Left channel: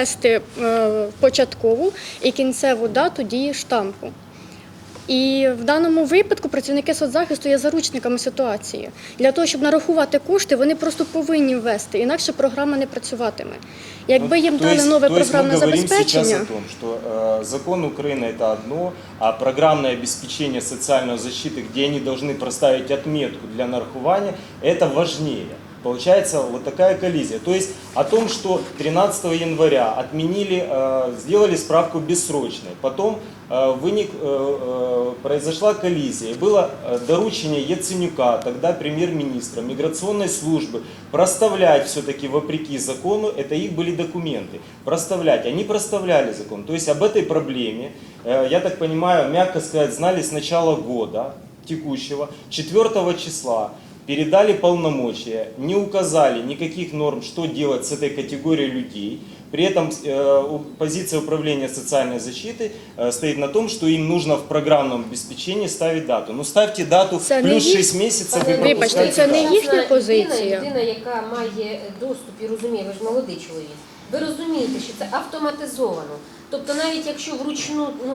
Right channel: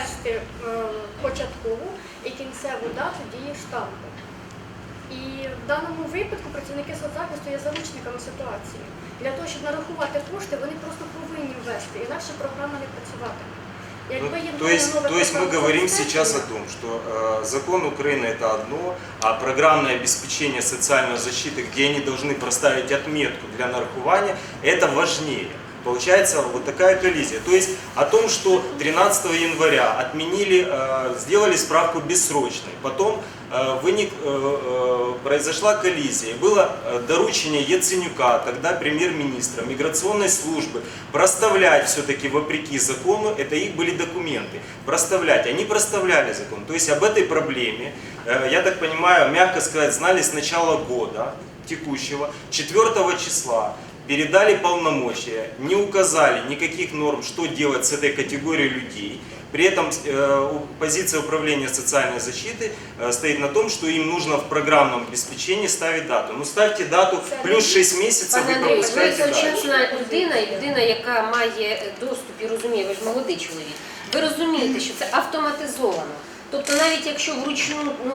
ввести е, початкову і кінцеву дату дії штампу. І в даному випадку працівники соцзахисту є заручниками ситуації. Для того, щоб нарахувати кошти, вони просто повинні ввести, інакше програма не працюватиме. Якби їм Ну, то дали есть, нове то есть мы програмне говорим сейчас о забезпечення, том, что э, закон Украины это одно, а программное обеспечение социальной защиты, где они должны проставить отметку для нарахування, это важнее. Получается вот такая коллизия. То есть о том, что 13 января отменили, э, сделали справку бессрочной, потом э, вынек, э, произошла коллизия, было доручение Яценюка, тогда премьер-министра, миграционной службы, проставлять все-таки вопреки закону, это их были документы, проставлять. Они проставляли закон. То есть об этой проблеме, я так понимаю, мягко сказать, знали с начала года текущего, 4 числа, передали полномочия, не указали никаких норм, что делать с этой категорией людей. При этом э, у- позиция управления социальной защиты э, стоит на том, что им нужно в программном обеспечении ставить дату. Ну ставьте дату Це плюс не 6 месяцев, Пане вы Андрій, Вибачте, пропускаете це не дату. їхня Людина, позиція. людина, яка має доступ і розуміє, ви ж молодий чоловік. Ви розумієте, що це автоматизовано. Тобто навіть якщо вручну ну,